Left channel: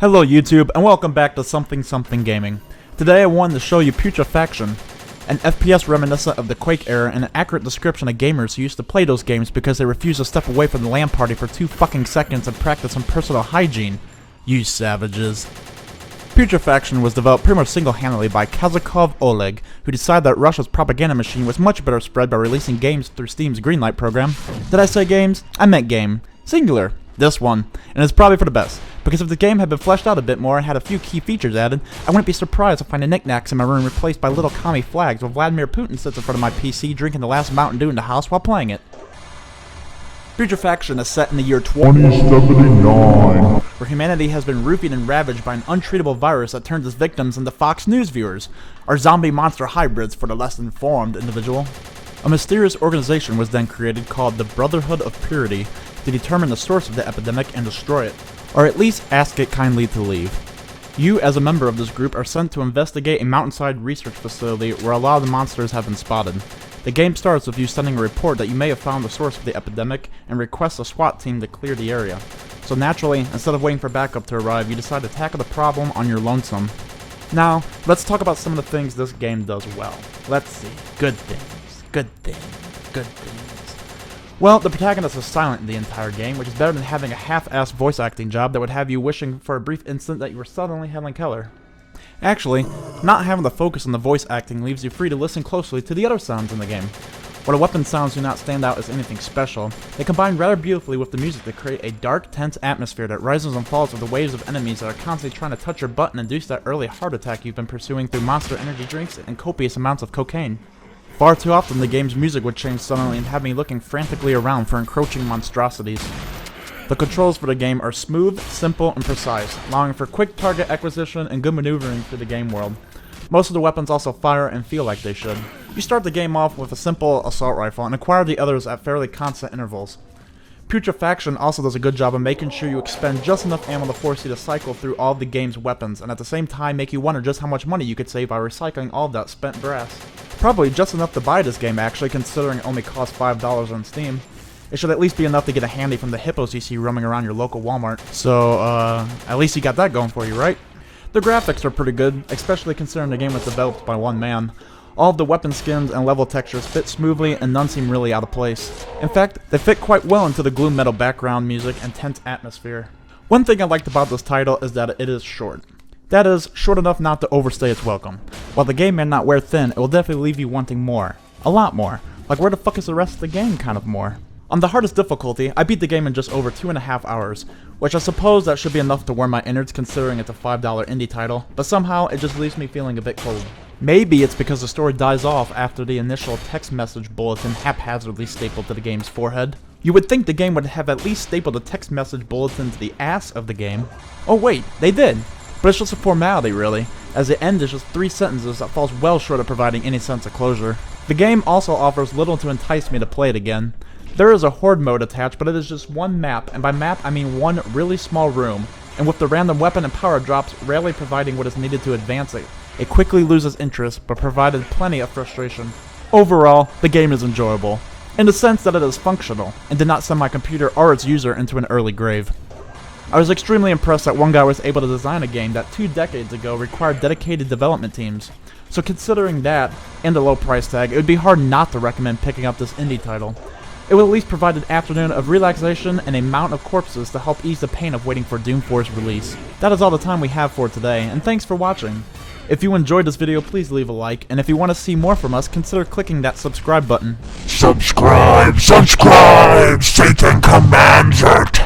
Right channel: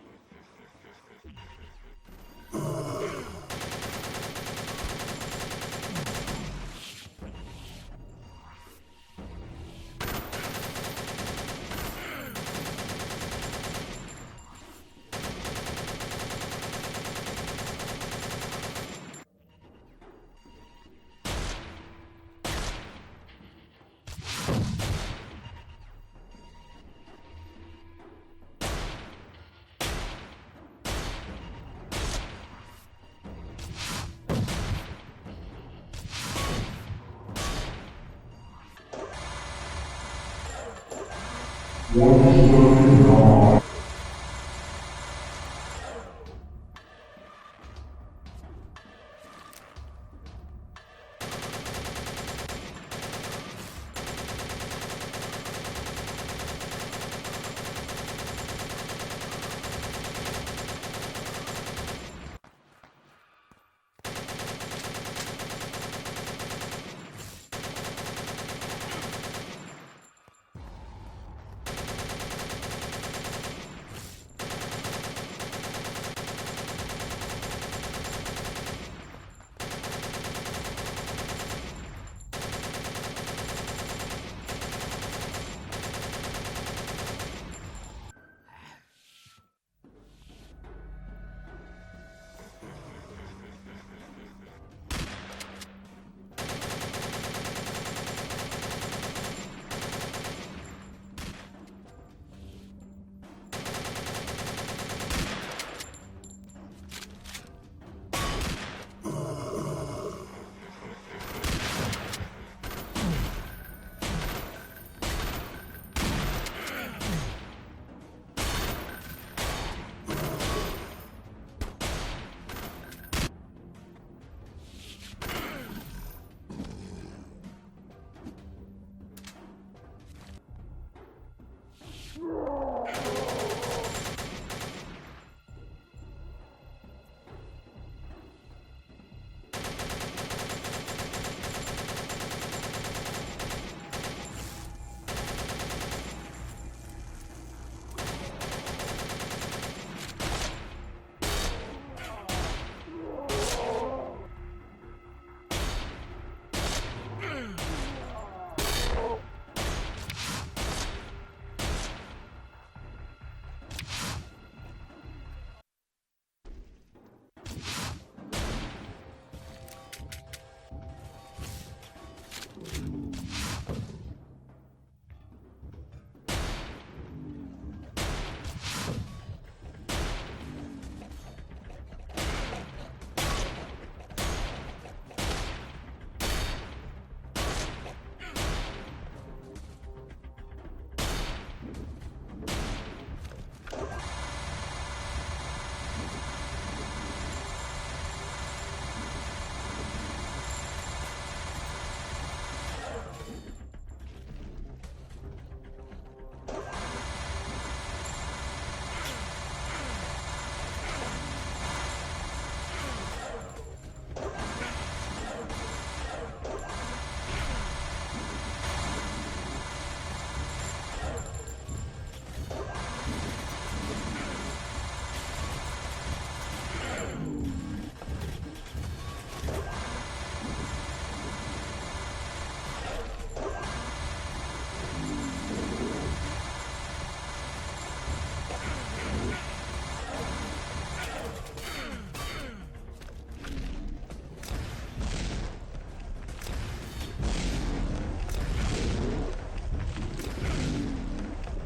Hello YouTube, and welcome back to Something Gaming. Today I wanted to show you Putrefaction, an FPS reminiscent of the Quake era and an accurate description of gamers who used to play those games because they refused to step away from the LAN party for 2 fucking seconds and practice some personal hygiene. You savages. Putrefaction was developed pretty much single-handedly by Kazakov Oleg, who decided that Russia's propaganda machine was much better spread by releasing games through Steam's Greenlight program. Did I say games? I meant game. Singular. This one. And it's probably for the best, because if the game had been fleshed out a bit more and had a few key features added, I wouldn't be surprised to find the knickknacks in my room replaced by little commie flags while Vladimir Putin sits in front of my PC drinking the last Mountain Dew in the house while playing it. Putrefaction is set in the year 2079, where humanity has been roofied and ravaged by an untreatable virus that turns its victims into Fox News viewers, or zombie monster hybrids for the less informed individual. A mysterious organization was then created called the Brotherhood of Purity to determine the source of the epidemic and destroy it, or at least ask it kindly to leave. You, as a member of this group, are sent to investigate a mountainside research facility where a lot of the monsters have been spotted. The game starts with you sending a report that you may have found the source of the epidemic and requests a SWAT team to clear the area. So naturally, instead of waiting for backup to arrive, you decide to tackle the problem on your lonesome. Now, let's talk about some of the things this game does well. Let's see. Good things. Well, the protagonist is silent in the entire game, which is better than having a half-assed voice acting job that would have you wishing for a brief instant that you were suddenly Helen Keller. Actually, not having the focus on the voice acting leaves you free to listen closely to the other sounds in the game. While the weapon sounds do not stand out as anything special, they combine rather beautifully with the music to create a dark, tense atmosphere that rises and falls with the waves of enemies that are constantly trying to touch your butt and induce that early heart attack you've been pursuing through monster energy drinks and copious amounts of cocaine. Far too often the game's music would change suddenly and have me looking frantically around for encroaching monstrosities. The controls for the game are smooth, simple, and precise, allowing for quick target acquisition and good maneuvering through the game world. Most of the weapons also fire and feel like they should. You start the game off with a simple assault rifle and acquire the others at fairly constant intervals. Putrefaction also does a good job of making sure you expend just enough ammo to force you to cycle through all of the game's weapons, and at the same time make you wonder just how much money you could save by recycling all of that spent brass. Probably just enough to buy this game actually, considering it only costs $5 on Steam. It should at least be enough to get a handy from the hippos you see roaming around your local Walmart. So, at least you got that going for you, right? The graphics are pretty good, especially considering the game was developed by one man. All of the weapon skins and level textures fit smoothly and none seem really out of place. In fact, they fit quite well into the gloom metal background music and tense atmosphere. One thing I liked about this title is that it is short. That is, short enough not to overstay its welcome. While the game may not wear thin, it will definitely leave you wanting more. A lot more. Like, where the fuck is the rest of the game kind of more? On the hardest difficulty, I beat the game in just over 2.5 hours, which I suppose that should be enough to warm my innards considering it's a $5 indie title, but somehow it just leaves me feeling a bit cozy. Maybe it's because the story dies off after the initial text message bulletin haphazardly stapled to the game's forehead. You would think the game would have at least stapled the text message bulletin to the ass of the game. Oh wait, they did! But it's just a formality really, as the end is just 3 sentences that falls well short of providing any sense of closure. The game also offers little to entice me to play it again. There is a horde mode attached, but it is just one map, and by map I mean one really small room, and with the random weapon and power drops rarely providing what is needed to advance it. It quickly loses interest, but provided plenty of frustration. Overall, the game is enjoyable, in the sense that it is functional, and did not send my computer or its user into an early grave. I was extremely impressed that one guy was able to design a game that 2 decades ago required dedicated development teams. So considering that, and the low price tag, it would be hard not to recommend picking up this indie title. It will at least provide an afternoon of relaxation and a mount of corpses to help ease the pain of waiting for Doom 4's release. That is all the time we have for today, and thanks for watching. If you enjoyed this video, please leave a like, and if you want to see more from us, consider clicking that subscribe button. Subscribe! Satan commands it!